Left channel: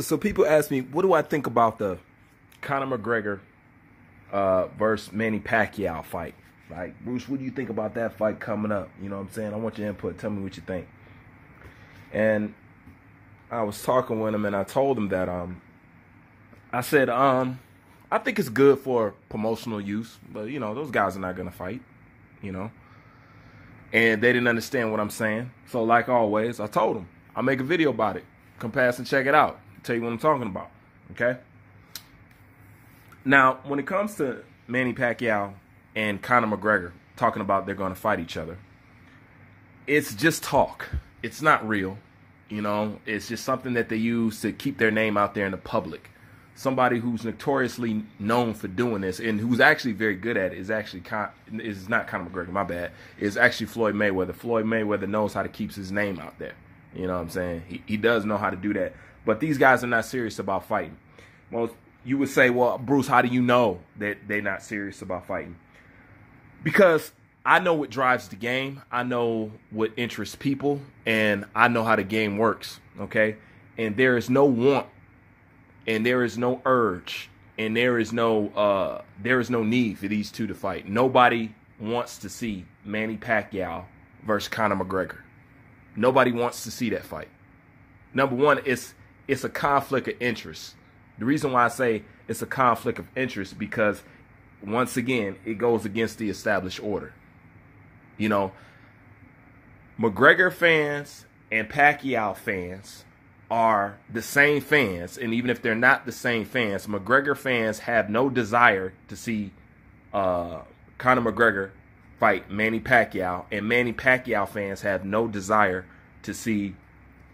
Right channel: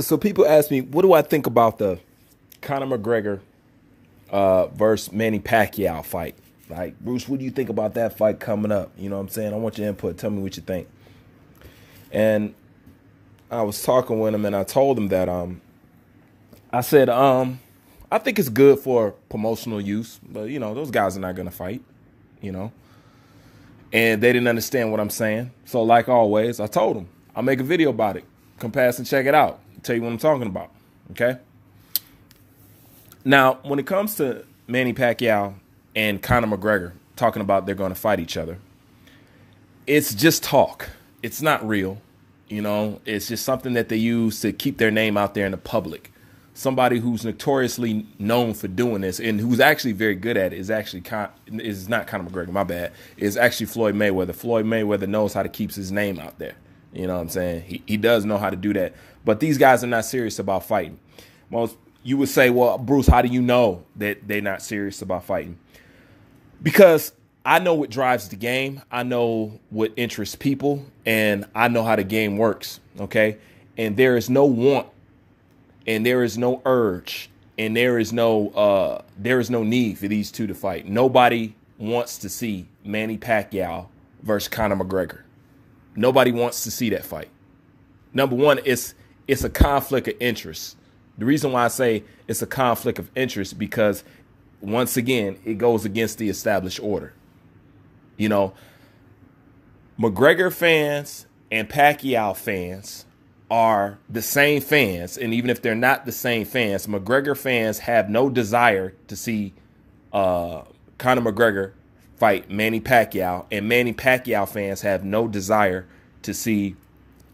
So people ask me, what do I think about the Conor McGregor versus Manny Pacquiao fight? Like, Bruce, what do you think about that fight coming up? You know what I'm saying? I want your input. Tell me what you think. And I was talking with him, and I told him that I said I think it's good for promotional use, but you know, those guys are not gonna fight, you know. And they didn't understand what I'm saying. So like always, I told them I'll make a video about it. Come past and check it out. Tell you what I'm talking about. Okay. Now, when it comes to Manny Pacquiao and Conor McGregor talking about they're going to fight each other, it's just talk. It's not real. You know, it's just something that they use to keep their name out there in the public. Somebody who's notoriously known for doing this and who's actually very good at it is actually is not Conor McGregor, my bad. It's actually Floyd Mayweather. Floyd Mayweather knows how to keep his name out there. You know what I'm saying? He does know how to do that. But these guys are not serious about fighting. Most you would say, well, Bruce, how do you know that they're not serious about fighting? Because I know what drives the game. I know what interests people, and I know how the game works. Okay, and there is no want, and there is no urge, and there is no need for these two to fight. Nobody wants to see Manny Pacquiao versus Conor McGregor. Nobody wants to see that fight. Number one, it's a conflict of interest. The reason why I say it's a conflict of interest because, once again, it goes against the established order. You know, McGregor fans and Pacquiao fans are the same fans, and even if they're not the same fans, McGregor fans have no desire to see Conor McGregor fight Manny Pacquiao, and Manny Pacquiao fans have no desire to see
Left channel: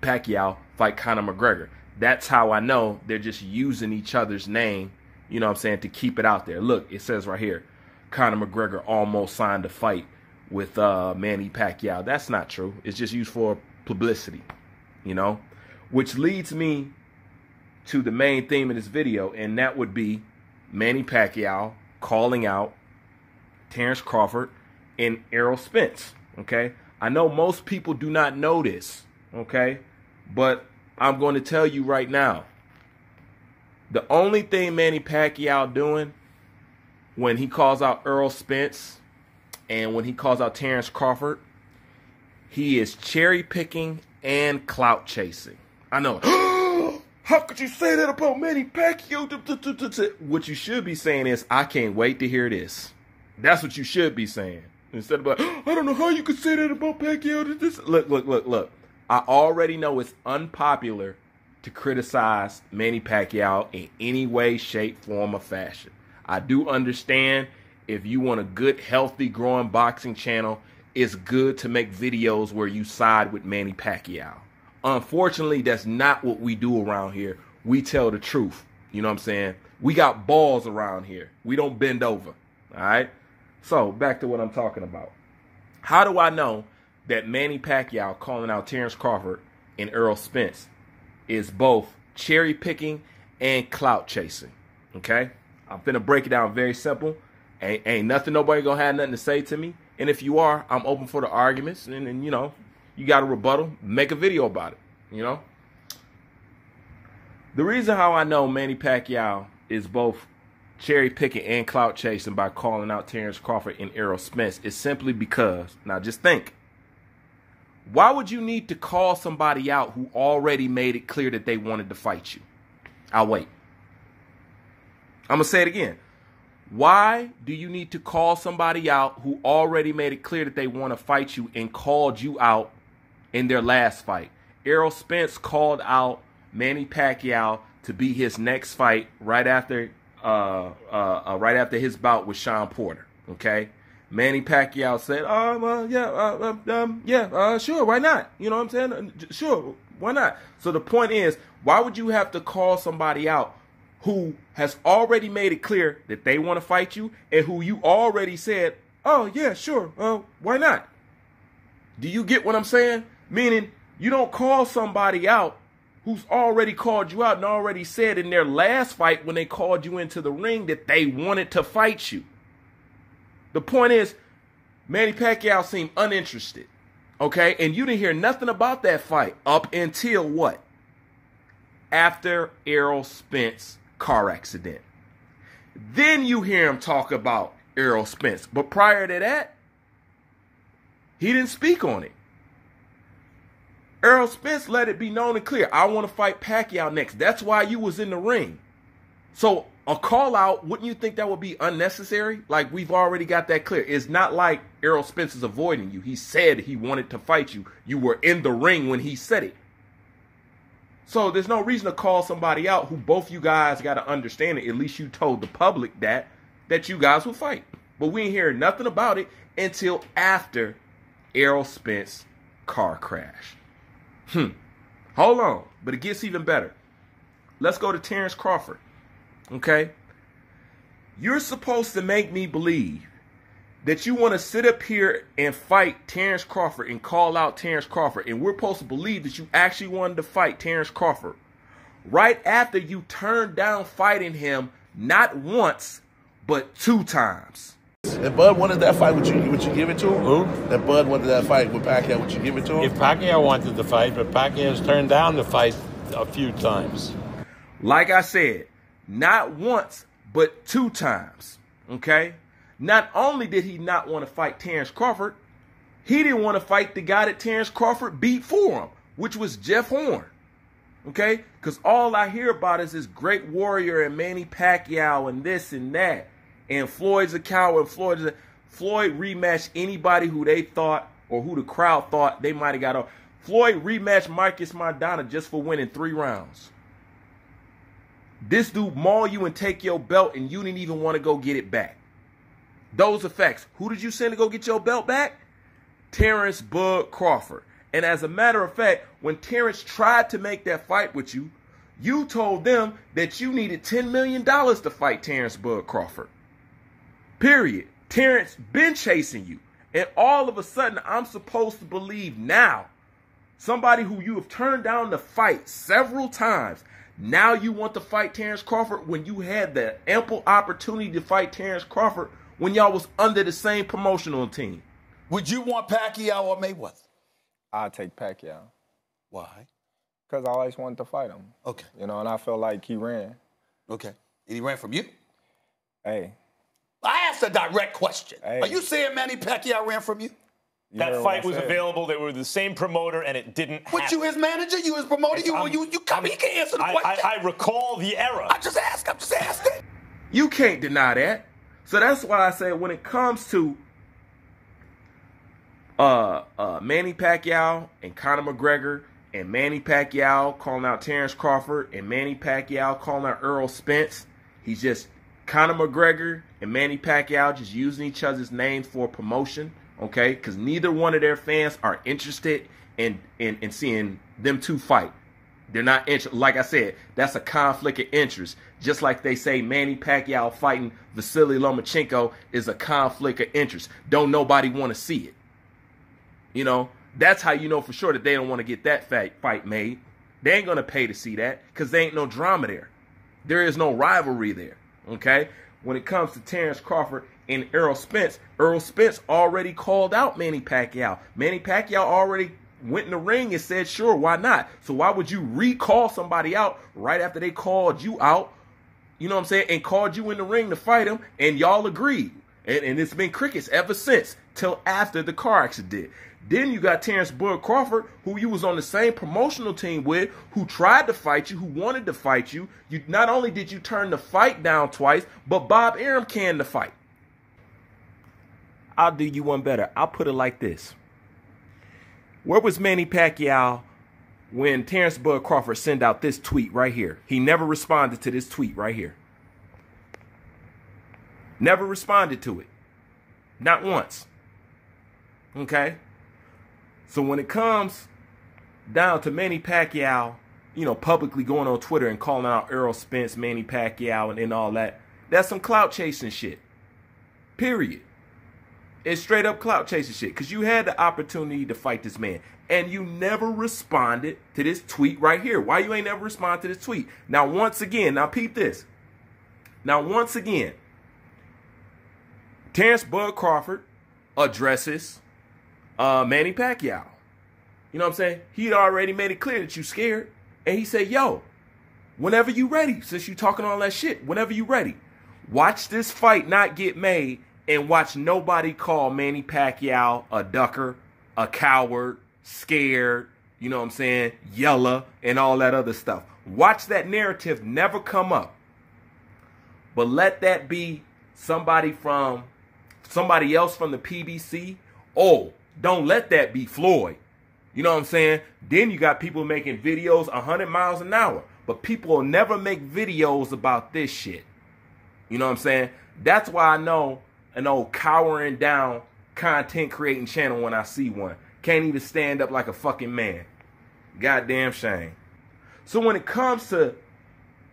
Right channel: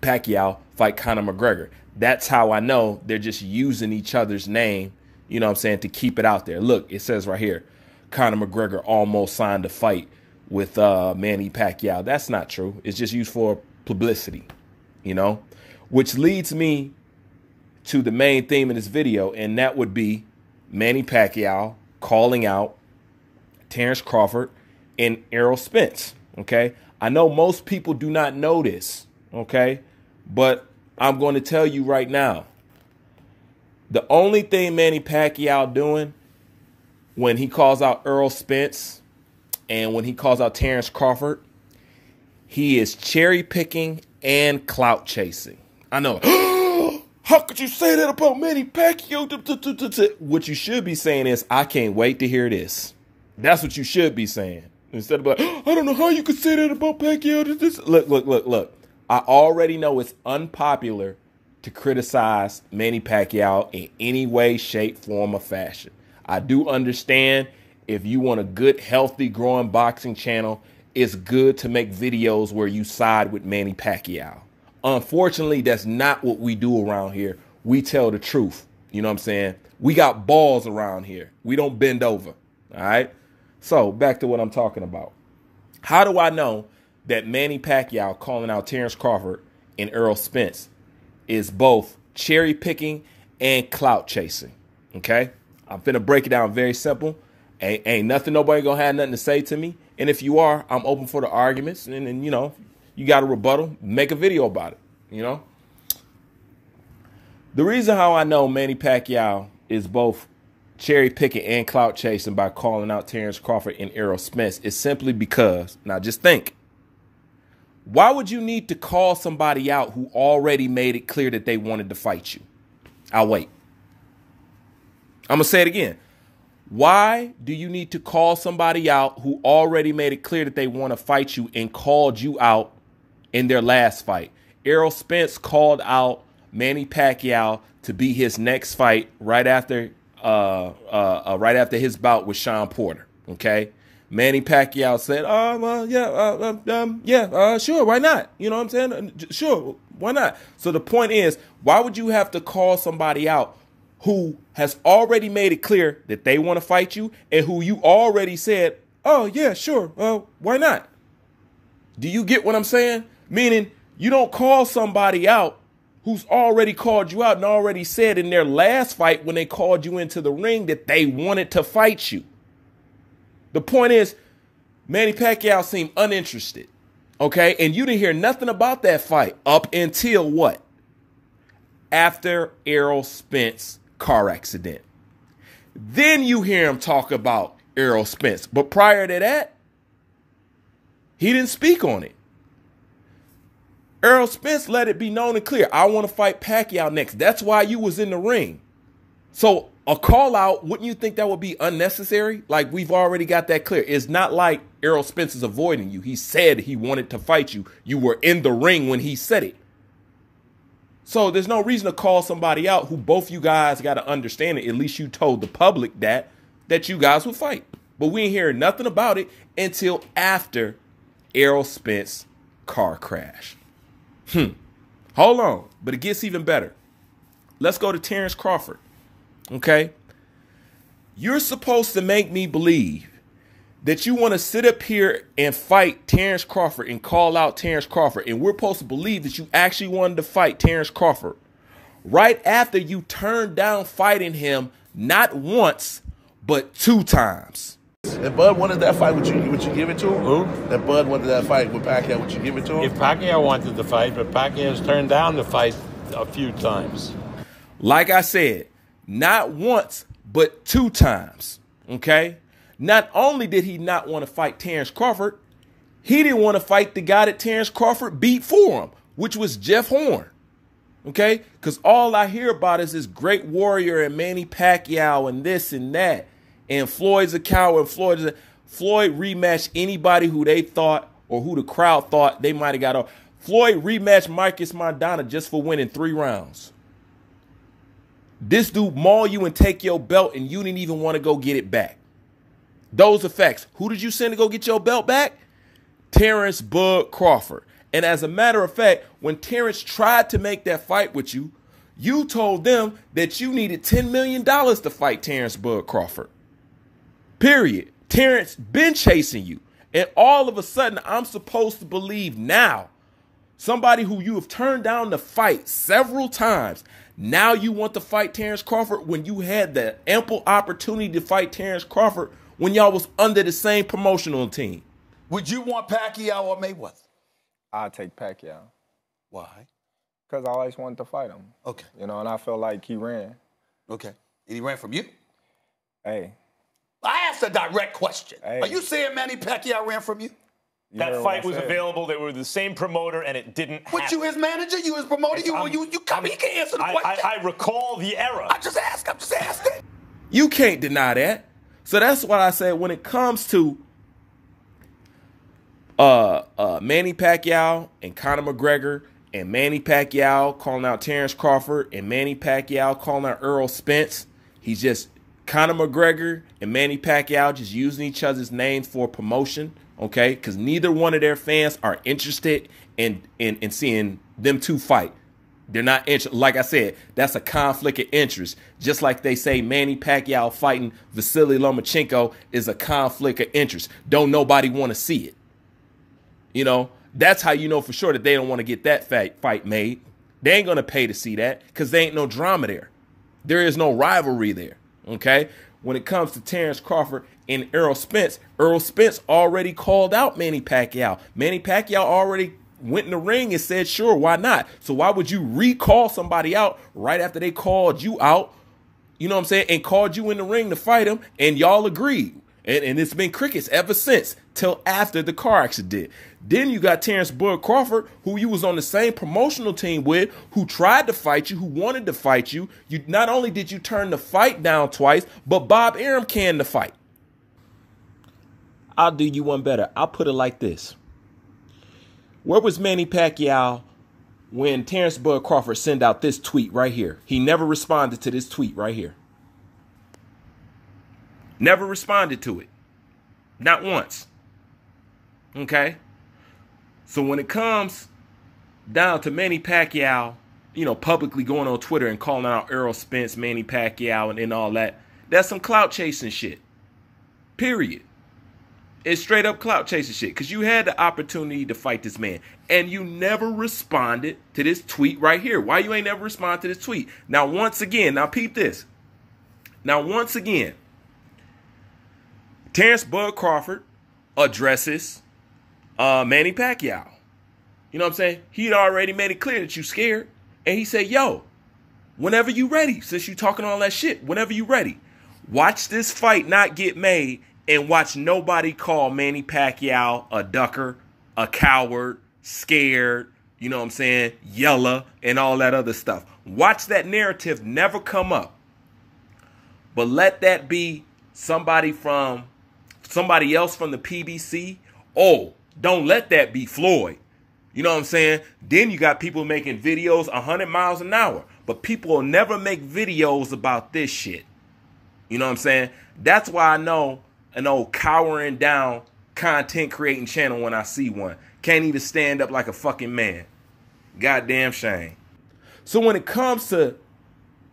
Pacquiao fight Conor McGregor. That's how I know they're just using each other's name, you know what I'm saying, to keep it out there. Look, it says right here, Conor McGregor almost signed a fight with Manny Pacquiao. That's not true. It's just used for publicity, you know, which leads me to the main theme of this video, and that would be Manny Pacquiao calling out Terrence Crawford and Errol Spence, okay? I know most people do not know this, okay? But I'm going to tell you right now, the only thing Manny Pacquiao doing when he calls out Errol Spence and when he calls out Terrence Crawford, he is cherry picking and clout chasing. I know. How could you say that about Manny Pacquiao? What you should be saying is, I can't wait to hear this. That's what you should be saying. Instead of like, I don't know how you could say that about Pacquiao. Look. I already know it's unpopular to criticize Manny Pacquiao in any way, shape, form, or fashion. I do understand if you want a good, healthy, growing boxing channel, it's good to make videos where you side with Manny Pacquiao. Unfortunately, that's not what we do around here. We tell the truth. You know what I'm saying? We got balls around here. We don't bend over. All right? So, back to what I'm talking about. How do I know that Manny Pacquiao calling out Terrence Crawford and Errol Spence is both cherry picking and clout chasing? Okay? I'm finna break it down very simple. Ain't nothing, nobody gonna have nothing to say to me. And if you are, I'm open for the arguments. And you know, you got a rebuttal, make a video about it, you know? The reason how I know Manny Pacquiao is both cherry picking and clout chasing by calling out Terrence Crawford and Errol Spence is simply because, now just think, why would you need to call somebody out who already made it clear that they wanted to fight you? I'll wait. I'm going to say it again. Why do you need to call somebody out who already made it clear that they want to fight you and called you out in their last fight? Errol Spence called out Manny Pacquiao to be his next fight right after his bout with Sean Porter. Okay, Manny Pacquiao said, "Oh well, sure, why not? You know what I'm saying? Sure, why not?" So the point is, why would you have to call somebody out who has already made it clear that they want to fight you and who you already said, "Oh yeah, sure, why not?" Do you get what I'm saying? Meaning, you don't call somebody out who's already called you out and already said in their last fight when they called you into the ring that they wanted to fight you. The point is, Manny Pacquiao seemed uninterested, okay? And you didn't hear nothing about that fight up until what? after Errol Spence car accident. Then you hear him talk about Errol Spence. But prior to that, he didn't speak on it. Errol Spence let it be known and clear, I want to fight Pacquiao next. That's why you was in the ring. So a call out, wouldn't you think that would be unnecessary? Like, we've already got that clear. It's not like Errol Spence is avoiding you. He said he wanted to fight you. You were in the ring when he said it. So there's no reason to call somebody out who both you guys got to understand it. At least you told the public that you guys would fight. But we ain't hearing nothing about it until after Errol Spence car crash. Hold on. But it gets even better. Let's go to Terrence Crawford. Okay? You're supposed to make me believe that you want to sit up here and fight Terrence Crawford and call out Terrence Crawford. And we're supposed to believe that you actually wanted to fight Terrence Crawford right after you turned down fighting him not once, but 2 times. If Bud wanted that fight, would you give it to him? Who? If Bud wanted that fight with Pacquiao, would you give it to him? If Pacquiao wanted to fight, but Pacquiao's turned down the fight a few times. Like I said, not once, but 2 times, okay? Not only did he not want to fight Terrence Crawford, he didn't want to fight the guy that Terrence Crawford beat for him, which was Jeff Horn, okay? Because all I hear about is this great warrior and Manny Pacquiao and this and that, and Floyd's a coward. Floyd rematched anybody who they thought or who the crowd thought they might have got off. Floyd rematched Marcus Maidana just for winning 3 rounds. This dude maul you and take your belt, and you didn't even want to go get it back. Those are facts. Who did you send to go get your belt back? Terrence Bud Crawford. And as a matter of fact, when Terrence tried to make that fight with you, you told them that you needed $10 million to fight Terrence Bud Crawford. Period. Terrence been chasing you. And all of a sudden, I'm supposed to believe now, somebody who you have turned down to fight several times, now you want to fight Terrence Crawford when you had the ample opportunity to fight Terrence Crawford when y'all was under the same promotional team. Would you want Pacquiao or Mayweather? I'll take Pacquiao. Why? Because I always wanted to fight him. Okay. You know, and I felt like he ran. Okay. And he ran from you? Hey. I asked a direct question. Hey. Are you saying Manny Pacquiao ran from you? That fight was available. They were the same promoter, and it didn't happen. But you his manager? You his promoter? You come. He can answer the question. I recall the era. I'm just asking. You can't deny that. So that's why I said when it comes to Manny Pacquiao and Conor McGregor and Manny Pacquiao calling out Terrence Crawford and Manny Pacquiao calling out Errol Spence, he's just Conor McGregor and Manny Pacquiao just using each other's names for promotion, okay? Because neither one of their fans are interested in seeing them two fight. They're not interested. Like I said, that's a conflict of interest. Just like they say Manny Pacquiao fighting Vasily Lomachenko is a conflict of interest. Don't nobody want to see it. You know, that's how you know for sure that they don't want to get that fight made. They ain't going to pay to see that because there ain't no drama there. There is no rivalry there, okay? When it comes to Terrence Crawford and Errol Spence already called out Manny Pacquiao. Manny Pacquiao already went in the ring and said, sure, why not? So why would you recall somebody out right after they called you out, you know what I'm saying, and called you in the ring to fight him, and y'all agreed? And it's been crickets ever since, till after the car accident. Then you got Terrence Bud Crawford, who you was on the same promotional team with, who tried to fight you, who wanted to fight you. You not only did you turn the fight down twice, but Bob Arum canned the fight. I'll do you one better. I'll put it like this. Where was Manny Pacquiao when Terrence Bud Crawford sent out this tweet right here? He never responded to this tweet right here. Never responded to it. Not once. Okay? So when it comes down to Manny Pacquiao, you know, publicly going on Twitter and calling out Errol Spence, Manny Pacquiao, and all that, that's some clout chasing shit. Period. It's straight up clout chasing shit because you had the opportunity to fight this man and you never responded to this tweet right here. Why you ain't never responded to this tweet? Now, once again, now peep this. Now, once again, Terrence Bud Crawford addresses Manny Pacquiao. You know what I'm saying? He'd already made it clear that you scared. And he said, yo, whenever you ready, since you talking all that shit, whenever you ready, watch this fight not get made and watch nobody call Manny Pacquiao a ducker, a coward, scared, you know what I'm saying, yella, and all that other stuff. Watch that narrative never come up. But let that be somebody else from the PBC. Oh, don't let that be Floyd. You know what I'm saying? Then you got people making videos 100 miles an hour. But people will never make videos about this shit. You know what I'm saying? That's why I know an old cowering down content creating channel when I see one. Can't even stand up like a fucking man. Goddamn shame. So when it comes to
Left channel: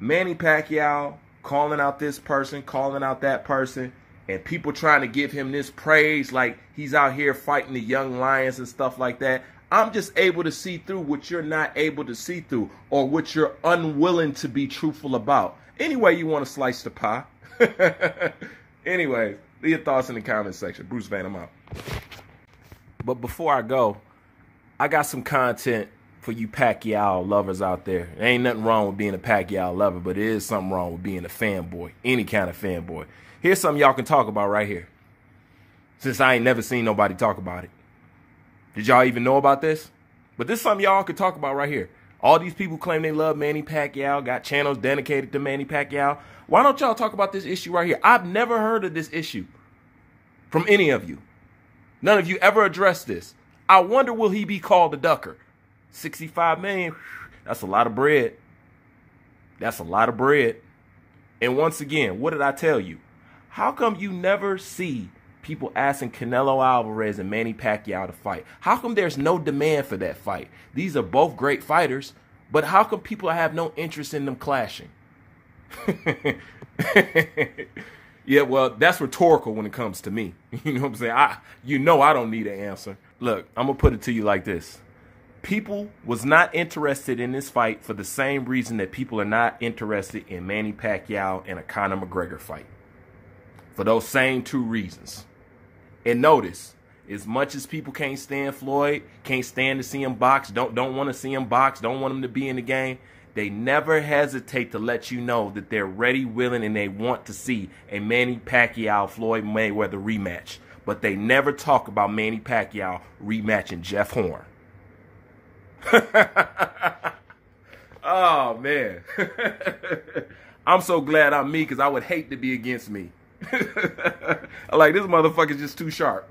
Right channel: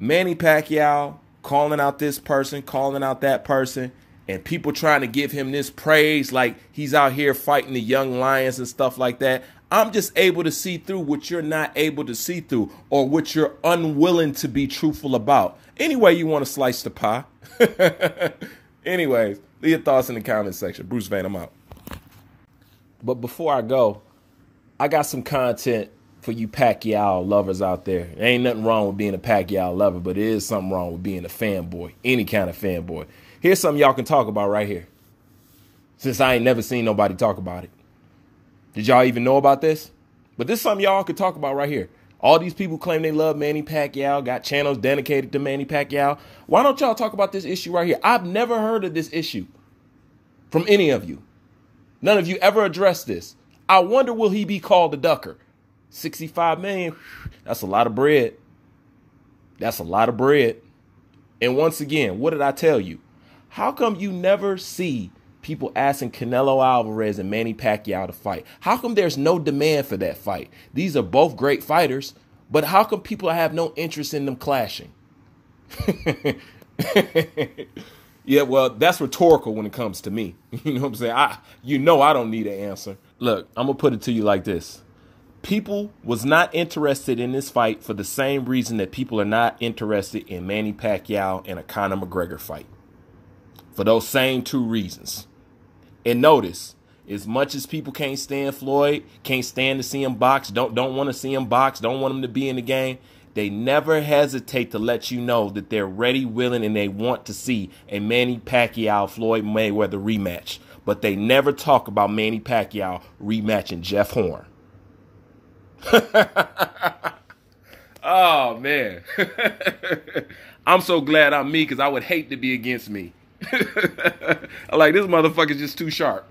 Manny Pacquiao calling out this person, calling out that person, and people trying to give him this praise like he's out here fighting the young lions and stuff like that, I'm just able to see through what you're not able to see through or what you're unwilling to be truthful about. Anyway, you want to slice the pie. Anyways, leave your thoughts in the comment section. Bruce Van, I'm out. But before I go, I got some content for you Pacquiao lovers out there. There ain't nothing wrong with being a Pacquiao lover, but there is something wrong with being a fanboy, any kind of fanboy. Here's something y'all can talk about right here, since I ain't never seen nobody talk about it. Did y'all even know about this? But this is something y'all could talk about right here. All these people claim they love Manny Pacquiao, got channels dedicated to Manny Pacquiao. Why don't y'all talk about this issue right here? I've never heard of this issue from any of you. None of you ever addressed this. I wonder, will he be called a ducker? 65 million, that's a lot of bread. That's a lot of bread. And once again, what did I tell you? How come you never see people asking Canelo Alvarez and Manny Pacquiao to fight? How come there's no demand for that fight? These are both great fighters, but how come people have no interest in them clashing? Yeah, well, that's rhetorical when it comes to me. You know what I'm saying? I don't need an answer. Look, I'm going to put it to you like this. People was not interested in this fight for the same reason that people are not interested in Manny Pacquiao and a Conor McGregor fight. For those same two reasons. And notice, as much as people can't stand Floyd, can't stand to see him box, don't want to see him box, don't want him to be in the game, they never hesitate to let you know that they're ready, willing, and they want to see a Manny Pacquiao-Floyd Mayweather rematch. But they never talk about Manny Pacquiao rematching Jeff Horn. Oh, man. I'm so glad I'm me, because I would hate to be against me. Like, this motherfucker's just too sharp.